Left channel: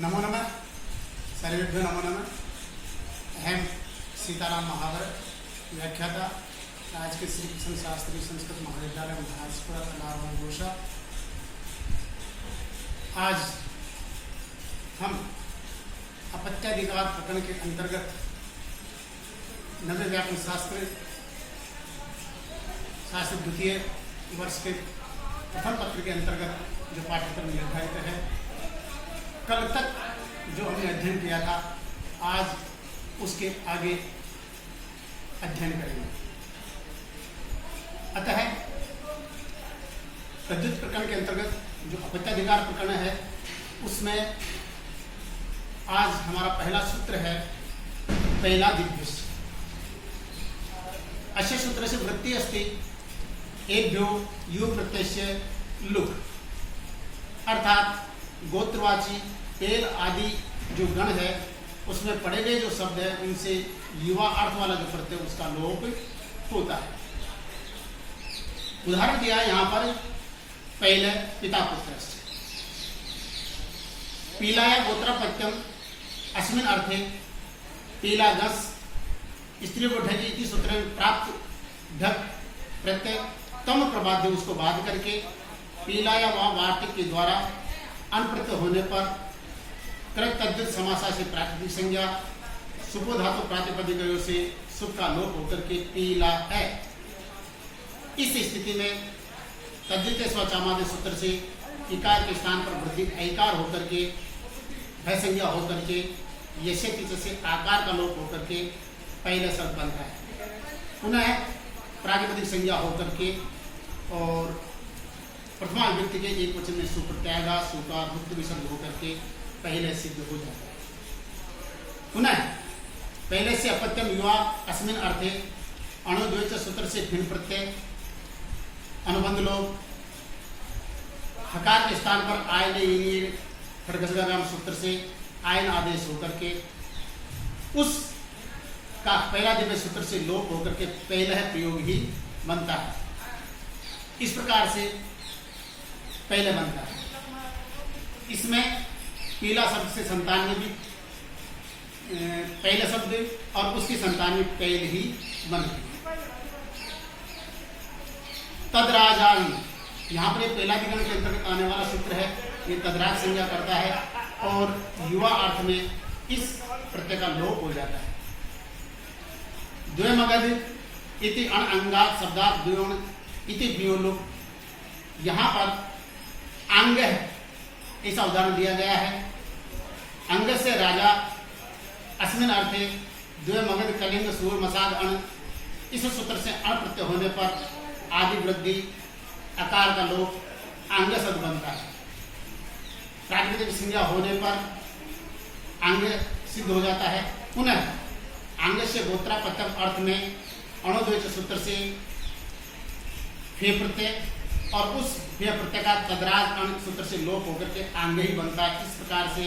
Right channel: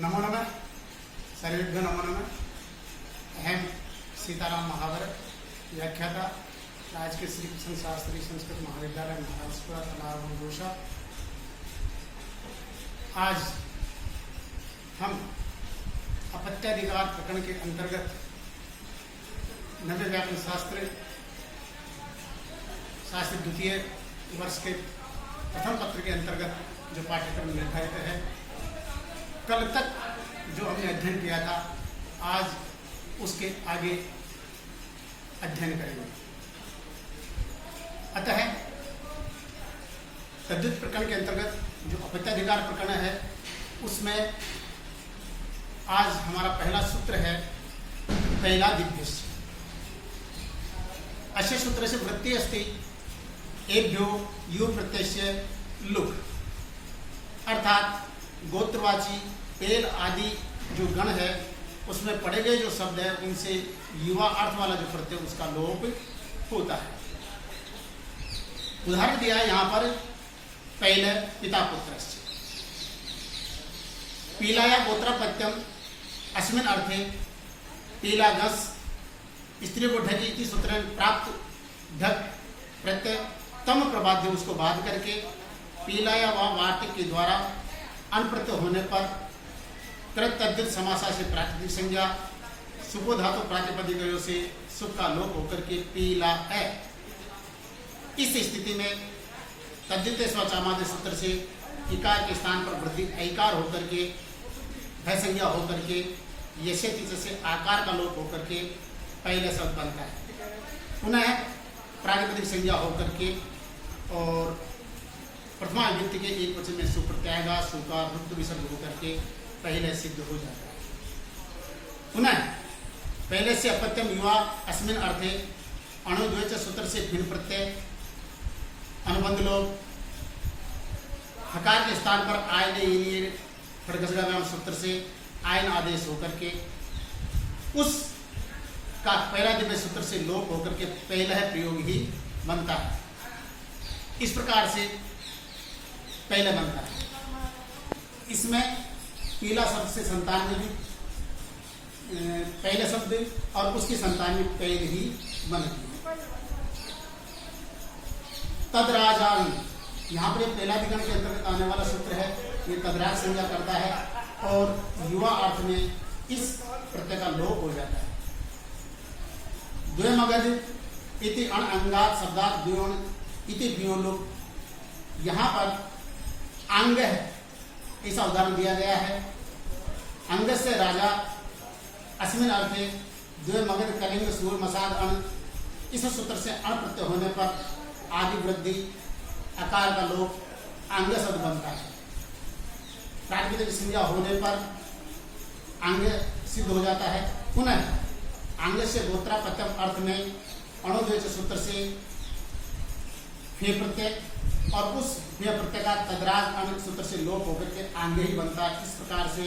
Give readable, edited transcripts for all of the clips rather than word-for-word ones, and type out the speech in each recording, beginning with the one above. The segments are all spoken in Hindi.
नमो नमः, सर्वेभ्यो नमो नमः। अहम सीताराम महावर, व्याख्याता, राजकीय श्री कृष्ण शास्त्री संस्कृत महाविद्यालय महाराजपुरा नारायण घोषा। आज हम अपत्याधिकार प्रकरण के अंतर्गत नवे व्याकरण शास्त्र द्वितीय वर्ष के प्रथम पत्र के अंतर्गत जो पाठ्यक्रम निर्धारित है, कल तक जो हमने अध्ययन किया था, आज उसके आगे अध्ययन करेंगे। अतः तद्धित प्रकरण के अंतर्गत जो अपत्याधिकार प्रकरण है, उसमें आज हमारा पहला सूत्र है पहला दिव्य। अस्य सूत्र से वृत्ति अस्ति एभ्यो यु प्रत्यय लुक, अर्थात गोत्रवाची पेल आदि जो गण है उसमें पढ़े गए जो शब्द है उनसे युवा अर्थ वाला जो प्रत्यय उसका लोप होता है। उदाहरण दिया है यहाँ पर पहले पिता पुत्र पीलाया गोत्रपत्यम अस्मिन अर्थे पीला गस स्त्री को ढकी इति सूत्र प्राप्त ढक प्रत्यय तम प्रबाध्य उसको बाध करके पीलाया व वार्तिक के द्वारा अनप्रत्यय होने पर कृत तद्धित समासा से प्रातिपदिक संज्ञा सुपो धातु प्रातिपदिक से सुप का लोप होकर के पीला है। इस स्थिति में तद्धित स्वचामादि सूत्र से इकार के स्थान पर वृद्धि ऐकार होकर के भय संज्ञा होकर के यशेति से आकार का लोप होकर के पहले शब्द बनता है। पुनः प्रातिपदिक संज्ञा होकर के और प्रथमा विभक्ति के एक वचन में सुप्रत्यागा सुकार रुद्ध विसर्ग होकर के पहले सिद्ध हो जाता है। पुनः पहले से अपत्यम युवा अस्मिन अर्थे अणुद्वैत सूत्र से भिन्न प्रत्यय अनुबंध लोग हकार के स्थान पर आयन खड़गसगाम सूत्र से आयन आदेश होकर के उस का पहला दिव्य सूत्र से लोप होकर के पहला है प्रयोग ही बनता है। इस प्रकार से पहले बनता है। इसमें पीला शब्द से संतान में भी पहले शब्द और उसकी संतान में पहले ही बनती है। तदराजावी यहाँ पर पहला दिगण के अंतर्गत आने वाला सूत्र है, ये तदराज संज्ञा करता है और युवा अर्थ में इस प्रत्यय का लोप हो जाता है। द्वयमगध इति अण अंगात शब्दात द्वयोन इति द्वयोलोप, यहाँ पर अंग है ऐसा उदाहरण दिया गया है। अंग से राजा अस्मिन अर्थे द्वय मगध कलिंग सूर मसाद अण, इस सूत्र से अण प्रत्यय होने पर आदि वृद्धि अकार का लोप अंग शब्द बनता है। प्रातिपदिक संज्ञा होने पर अंग सिद्ध हो जाता है। पुनः अंग से गोत्रापत्यम अर्थ में अणुद्वैत सूत्र से फे प्रत्यय और उस प्रत्यय का तदराज अंग सूत्र से लोप होकर के अंग ही बनता है। इस प्रकार से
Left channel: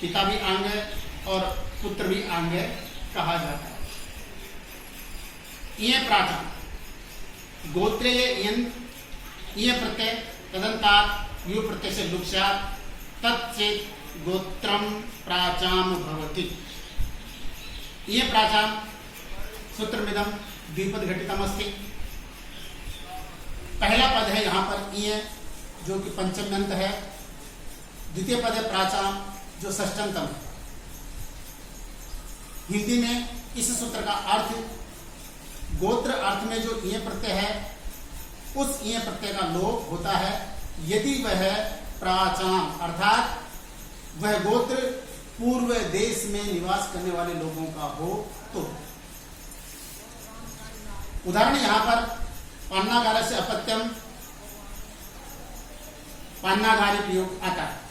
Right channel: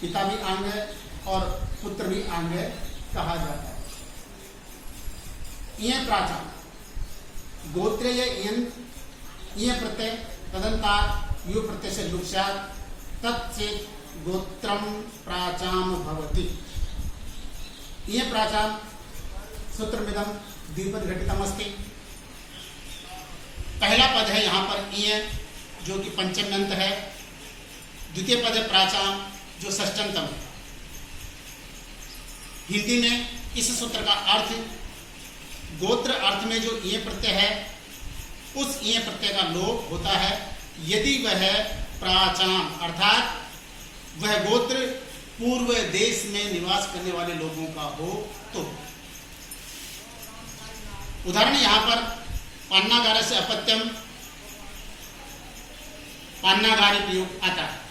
पिता भी अंग है और पुत्र भी अंग है कहा जाता है। ये प्राचम गोत्रे ये प्रत्यय तदंतात यु प्रत्यय से लुप्स्यात् तत्चेत गोत्रम प्राचाम भवति। ये प्राचाम सूत्रमिदं द्विपद घटितम अस्ति। पहला पद है यहाँ पर ये जो कि पंचम्यंत है, द्वितीय पद है प्राचाम जो षष्ठ्यंतम है। हिंदी में इस सूत्र का अर्थ गोत्र अर्थ में जो ये प्रत्यय है उस ये प्रत्यय का लोप होता है यदि वह प्राचाम अर्थात वह गोत्र पूर्व देश में निवास करने वाले लोगों का हो तो। उदाहरण यहां पर पान्नागार से अपत्यम पान्नागारी प्रयोग आता है।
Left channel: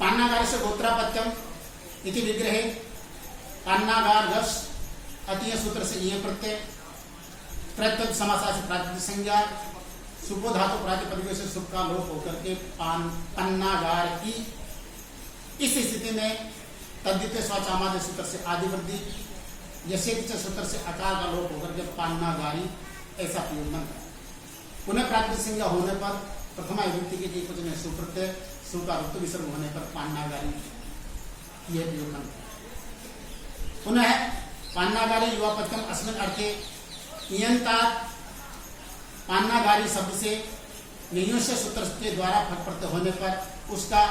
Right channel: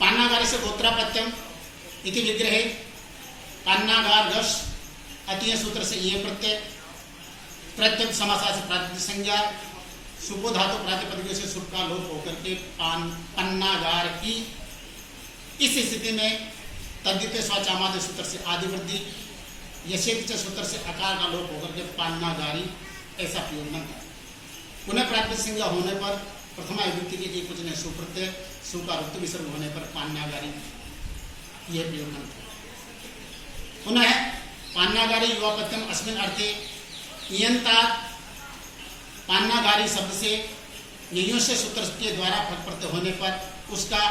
पान्नागार से गोत्रापत्यम इति विग्रहे पान्नागार गश अतीय सूत्र से ये प्रत्यय प्रत्यय समासा से प्रातिपदिक संज्ञा सुपो धातु प्रातिपदिक से सुप का लोप होकर के पन्नागार की। इस स्थिति में तद्धित स्वचामादि सूत्र से आदि वृद्धि यशेत सूत्र से अकार का लोप होकर के पान्नागारी ऐसा प्रयोग बनता है। पुनः प्रातिपदिक संज्ञा होने पर प्रथमा विभक्ति के एक वचन सुप्रत्यय सु का ऋतु विसर्ग होने पर पान्नागारी यह प्रयोग बनता है। पुनः पान्नागारी युवापत्यम अस्मिन् अर्थे इयंतात पान्नागारी शब्द से ययोस्य सूत्र के द्वारा फट प्रत्यय होने पर उसका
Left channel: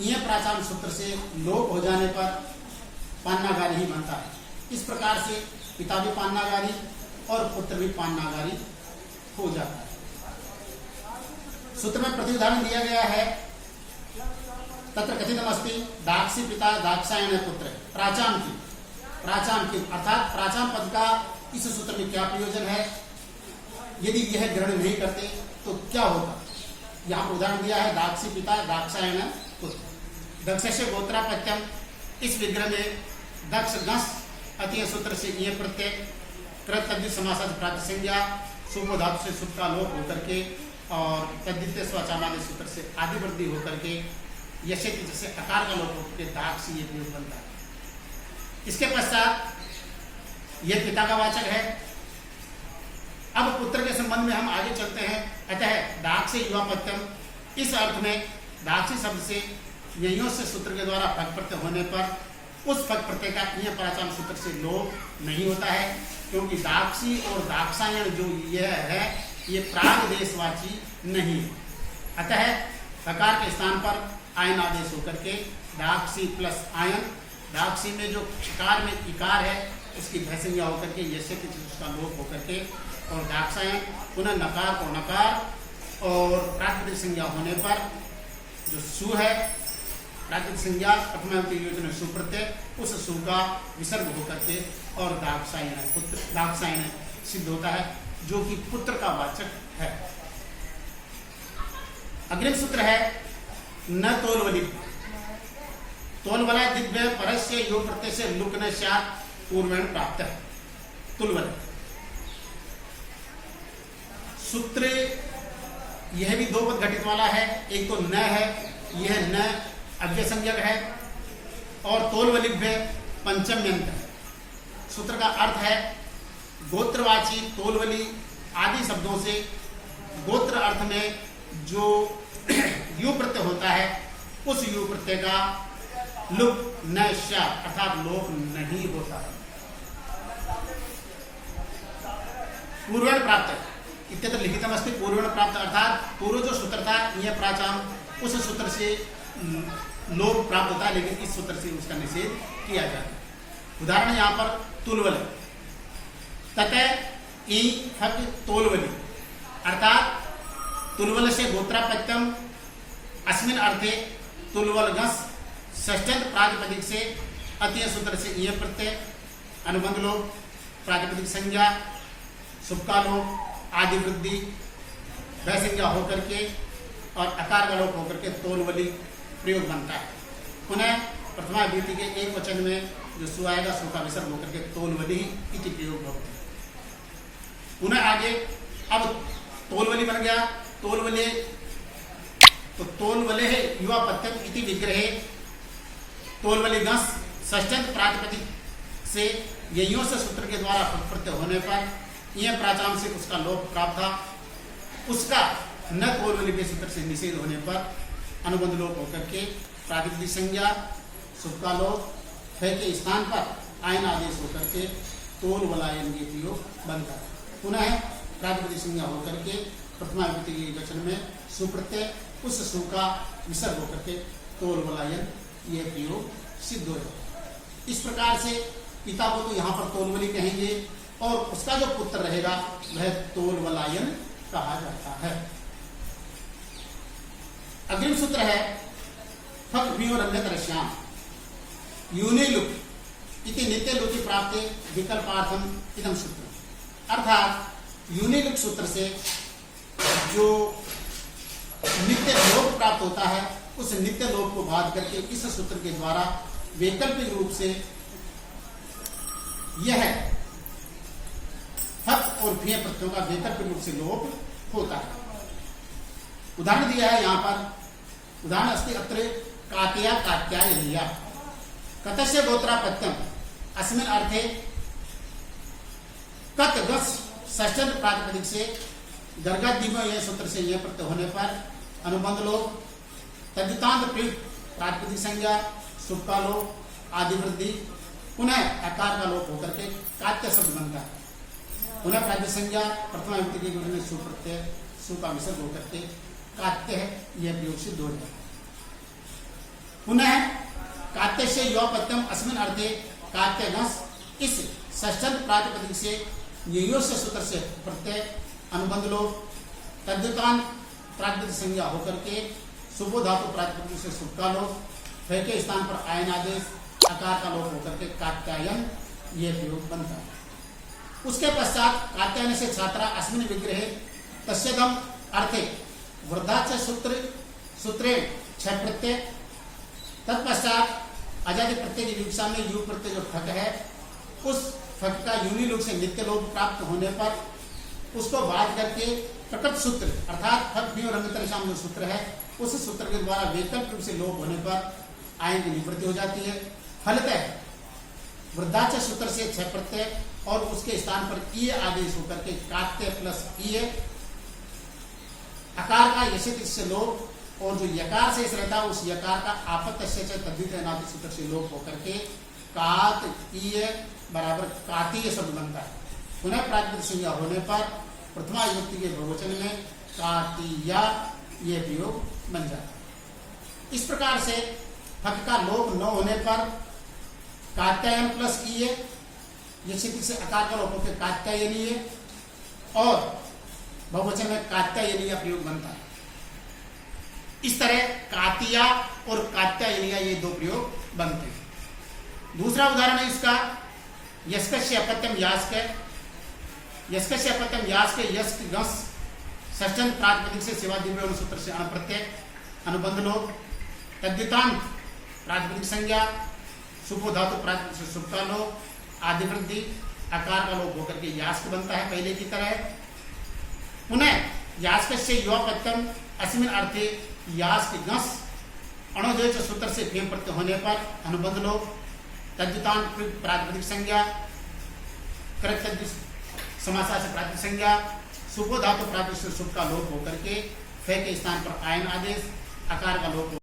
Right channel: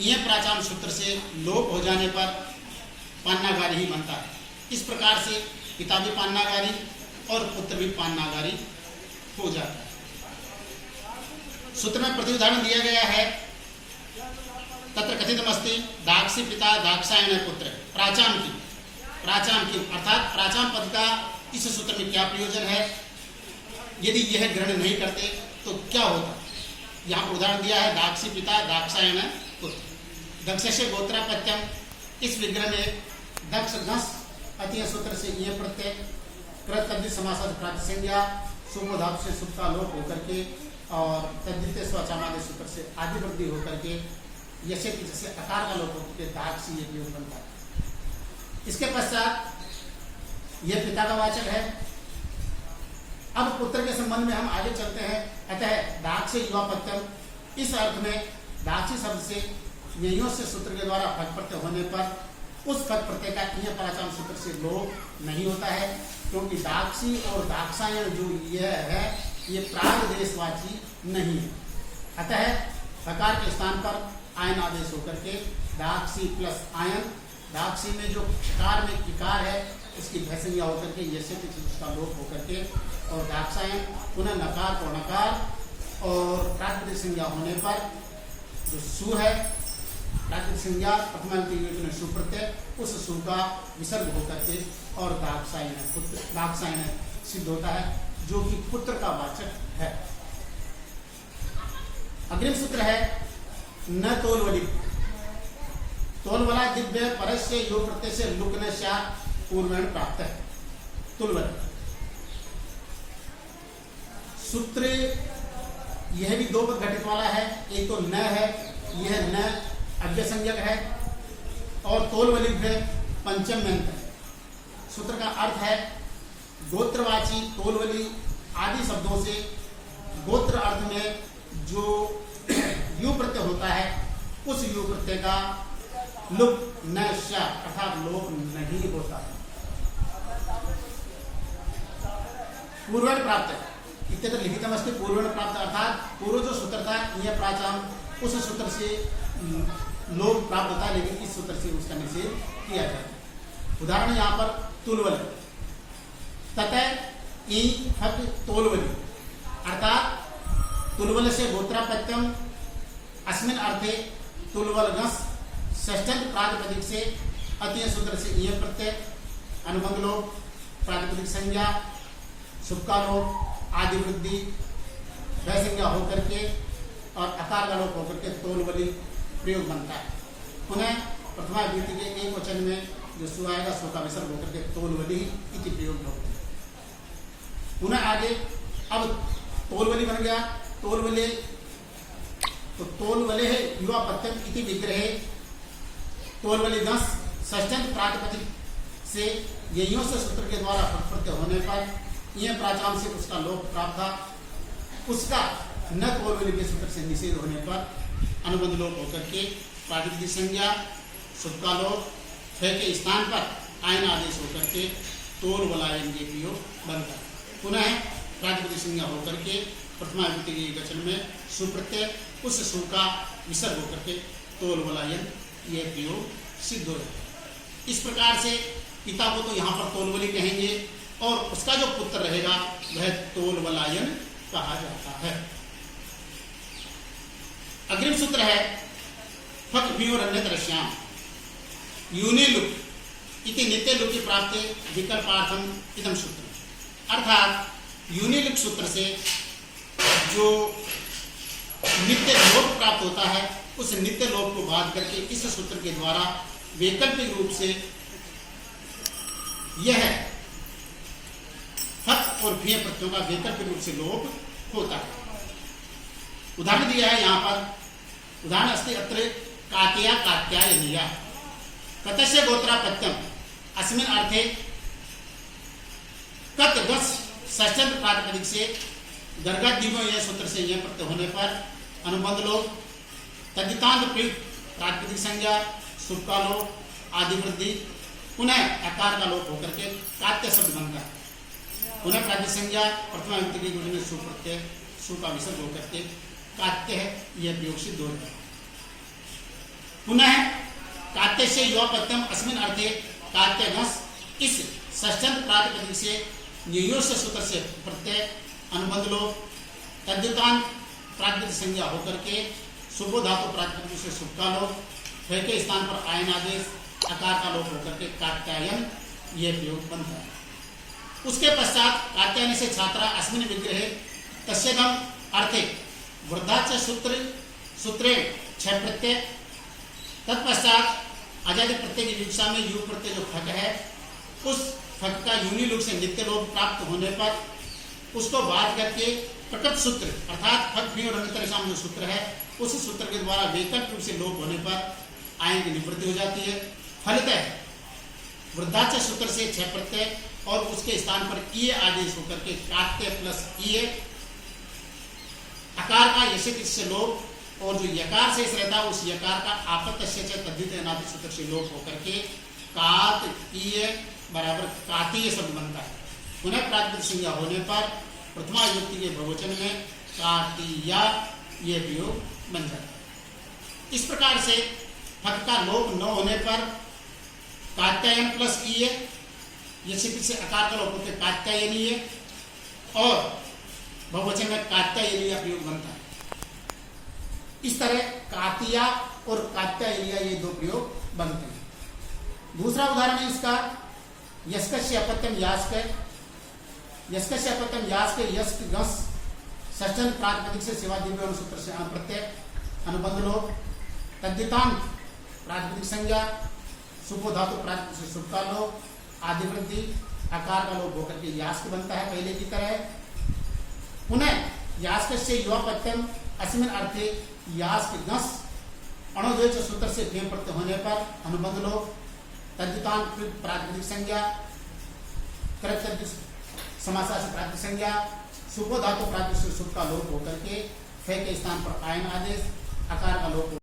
इय प्राचाम सूत्र से लोप हो जाने पर पान्नागारी ही बनता है। इस प्रकार से पिता भी पान्नागारी और पुत्र भी पान्नागारी हो जाता है। सूत्र में प्रति उदाहरण दिया गया है, तत्र कथितमस्ति दाक्षी पिता दाक्षायण पुत्र प्राचाम की अर्थात प्राचाम पद का इस सूत्र में क्या प्रयोजन है, यदि यह ग्रहण नहीं करते तो क्या होता। यहाँ पर उदाहरण दिया है दाक्षी पिता दाक्षायण पुत्र। दक्षस्य गोत्रापत्यम, इस विग्रह में दक्ष गस अतीय सूत्र से ये प्रत्यय कृत तद्धित समासार्थ प्राप्त संज्ञा सुबो धातु से सुख का लोप होकर के और तद्धित स्वचामादि सूत्र से आदि वृद्धि होकर के यसे जैसे अकार का लोप होकर के दाक्षी ये प्रयोग बनता है। इसके पश्चात यह पिता का वाचक है। अब पुत्र के संबंध में हम आगे चलते हैं। अतः दाक्ष युवापत्यम, इस अर्थ में दाक्षी शब्द से ययों से सूत्र के द्वारा फक प्रत्यय होने पर उस फक प्रत्यय का इय प्राचाम सूत्र से लोप नहीं होता है, क्योंकि दाक्षी और दाक्षायण जो यह है ये प्राग देशवाची नहीं है। अतः फकार के स्थान पर आयन आदेश होकर के दाक्षी प्लस आयन, दाक्षी में जो कार में इकार है उसकी भयसंज्ञा होकर के यसे उसका लोप होकर के और दाक्षायन पुनः नकार को नकार और प्राकृतिक संज्ञा होने पर जो सु है प्राकृतिक संज्ञा प्रथमा योजना सुप्रत्यय, उस सु का विसर्ग होकर के और दाक्षायन सिद्ध होता है जो कि पुत्र का वाचक है। अग्रिम सूत्र है न तोलवली, तोलवला दिव्य परस्य योग प्रत्यय से लुक न शात पूर्वेण प्राप्त है। तुलवल सूत्र यह भी दो पद घटित वाला है, एक तो न है, यह न अव्यय संज्ञक है और तोलवलिभ्य पंचम्यंत है। सूत्र का अर्थ है गोत्रवाची तोलवली आदि शब्दों से गोत्र अर्थ में जो यू प्रत्यय होता है उस यू प्रत्यय का लुक न श अर्थात लोप नहीं होता है। पूर्वेण प्राप्त इत्यत्र लिखितम अस्ति पूर्वेण प्राप्त अर्थात पूर्व जो सूत्र था यह प्राचाम उस सूत्र से लोप प्राप्त होता है, लेकिन इस सूत्र से उसका निषेध किया जाता है। उदाहरण यहाँ पर तुलवल ततः ई फक तोलवली अर्थात तुलवल से गोत्रापत्यम अस्मिन अर्थे तुलवलगस षष्ठ्यंत प्रातिपदिक से अतीय सूत्र से यह प्रत्यय अनुबंध लोप प्रातिपदिक संज्ञा सुबका लोप आदि वृद्धि वह संज्ञा होकर के और अकार का लोप होकर के तोलवली प्रयोग बनता है। पुनः प्रथमा विभक्ति के एक वचन में जो सु आएगा सु का विसर्ग होकर के तोलवली इति प्रयोग होता है। पुनः आगे अब तोलवली बन गया, तोलवले तो तोलवले है युवापत्यम इति विग्रहे तोलवली गस षष्ठ्यंत प्रातिपदिक से ययों से सूत्र के द्वारा प्रत्यय होने पर यह प्राचाम से उसका लोप प्राप्त था, उसका न तोलवली के सूत्र से निषेध होने पर अनुबंध लोप होकर के प्रातिपदिक संज्ञा सुबका लोप के स्थान पर आयन आदेश होकर के तोलवलायन ये प्रयोग बनता है। पुनः प्रातिपदिक संज्ञा होकर के प्रथमा विभक्ति के वचन में सुप्रत्यय उस सु का विसर्ग होकर के तोलवलायन यह प्रयोग सिद्ध हो जाता है। इस प्रकार से पिता को तो यहाँ पर तोलवली कहेंगे और उसका जो पुत्र रहेगा वह तोलवलायन कहा जाता है। अग्रिम सूत्र है फक भी और अन्यत्र श्याम यूनि लुक इति नित्य लुक की प्राप्ति विकल्पार्थम इदम सूत्र अर्थात यूनि लुक सूत्र से जो नित्य लोप प्राप्त होता है उस नित्य लोप को बाध करके इस सूत्र के द्वारा वैकल्पिक रूप से यह फक और भीय प्रत्ययों का वैकल्पिक रूप से लोप होता है। उदाहरण दिया है यहाँ पर, उदाहरण अस्ति अत्र कात्या कात्यायनिया कतस्य गोत्रापत्यम अस्मिन् अर्थे कत गस षष्ठ्यंत प्रातिपदिक से गर्गादीपो यह सूत्र से यह प्रत्यय होने पर अनुबंध लोप तद्धितांत प्रयुक्त प्रातिपदिक संज्ञा शुभ का लोप आदि वृद्धि पुनः आकार का लोप होकर के कात्य शब्द बनता है। पुनः प्रातिपदिक संज्ञा प्रथमा विभक्ति के गुण में सु प्रत्यय सु का विसर्ग होकर के कात्य है, यह प्रयोग सिद्ध हो जाता है। पुनः कात्य से युवा प्रत्यम अस्मिन अर्थे कात्य घस इस षष्ठंत प्रातिपदिक से नियोश सूत्र से प्रत्यय अनुबंध लोप तद्धितांत प्रातिपदिक संज्ञा होकर के शुभो धातु प्रातिपदिक से शुभ का लोप फिर के स्थान पर आयन आदेश आकार का लोप होकर के कात्यायन यह प्रयोग बनता है। उसके पश्चात कात्यायन से छात्रा अस्मिन विग्रह तस्यदम अर्थे वृद्धाच सूत्रे छह प्रत्यय तत्पश्चात आजादी प्रत्यय की विवक्षा में यु प्रत्यय जो फक है उस फक का यूनि लोप से नित्य लोप प्राप्त होने पर उसको बाध करके प्रकट सूत्र अर्थात फक भी और अन्यतर शाम जो सूत्र है उस सूत्र के द्वारा वैकल्पिक रूप से लोप होने पर आयन की निवृत्ति हो जाती है। फलतः वृद्धाच सूत्र से छह प्रत्यय और उसके स्थान पर ईय आदेश होकर के कात्य प्लस ईय आकार का यशित से लोप और जो यकार से रहता है उस यकार का आपत्य तद्धित नाभि सूत्र से लोप होकर के कात ईय बराबर कातीय शब्द बनता है। पुनः प्रातिपदिक संज्ञा होने पर प्रथमा विभक्ति के बहुवचन में कातीया ये प्रयोग बन जाता है। इस प्रकार से फक का लोप न होने पर कात्यायन प्लस ईय यशित से आकार का लोप होकर कात्यायनीय और बहुवचन में कात्यायनीय प्रयोग बनता है। इस तरह कातिया और कात्यायनीय ये दो प्रयोग बनते हैं। दूसरा उदाहरण है इसका यस्कस्य अपत्यम यास्क यस्कस्य अपत्यम यास्क यस्क गस षष्ठंत प्रातिपदिक से सेवा दिव्य सूत्र से अणप्रत्यय अनुबंध लोप तद्धितांत प्रातिपदिक संज्ञा सुपो धातु प्रातिपदिक से सुप का लोप आदि वृद्धि आकार का लोप होकर के यास्क बनता है पहले की तरह। पुनः यास्क से युवा प्रत्यम अस्मिन अर्थे यास्क गस अणोदेश सूत्र से फेम प्रत्यय होने पर अनुबंध लोप तद्धितांत प्रातिपदिक संज्ञा कृत समासा से प्रातिपदिक संज्ञा सुपो धातु प्रातिपदिक से सुप का लोप होकर के फे के स्थान पर आयन आदेश आकार का लोप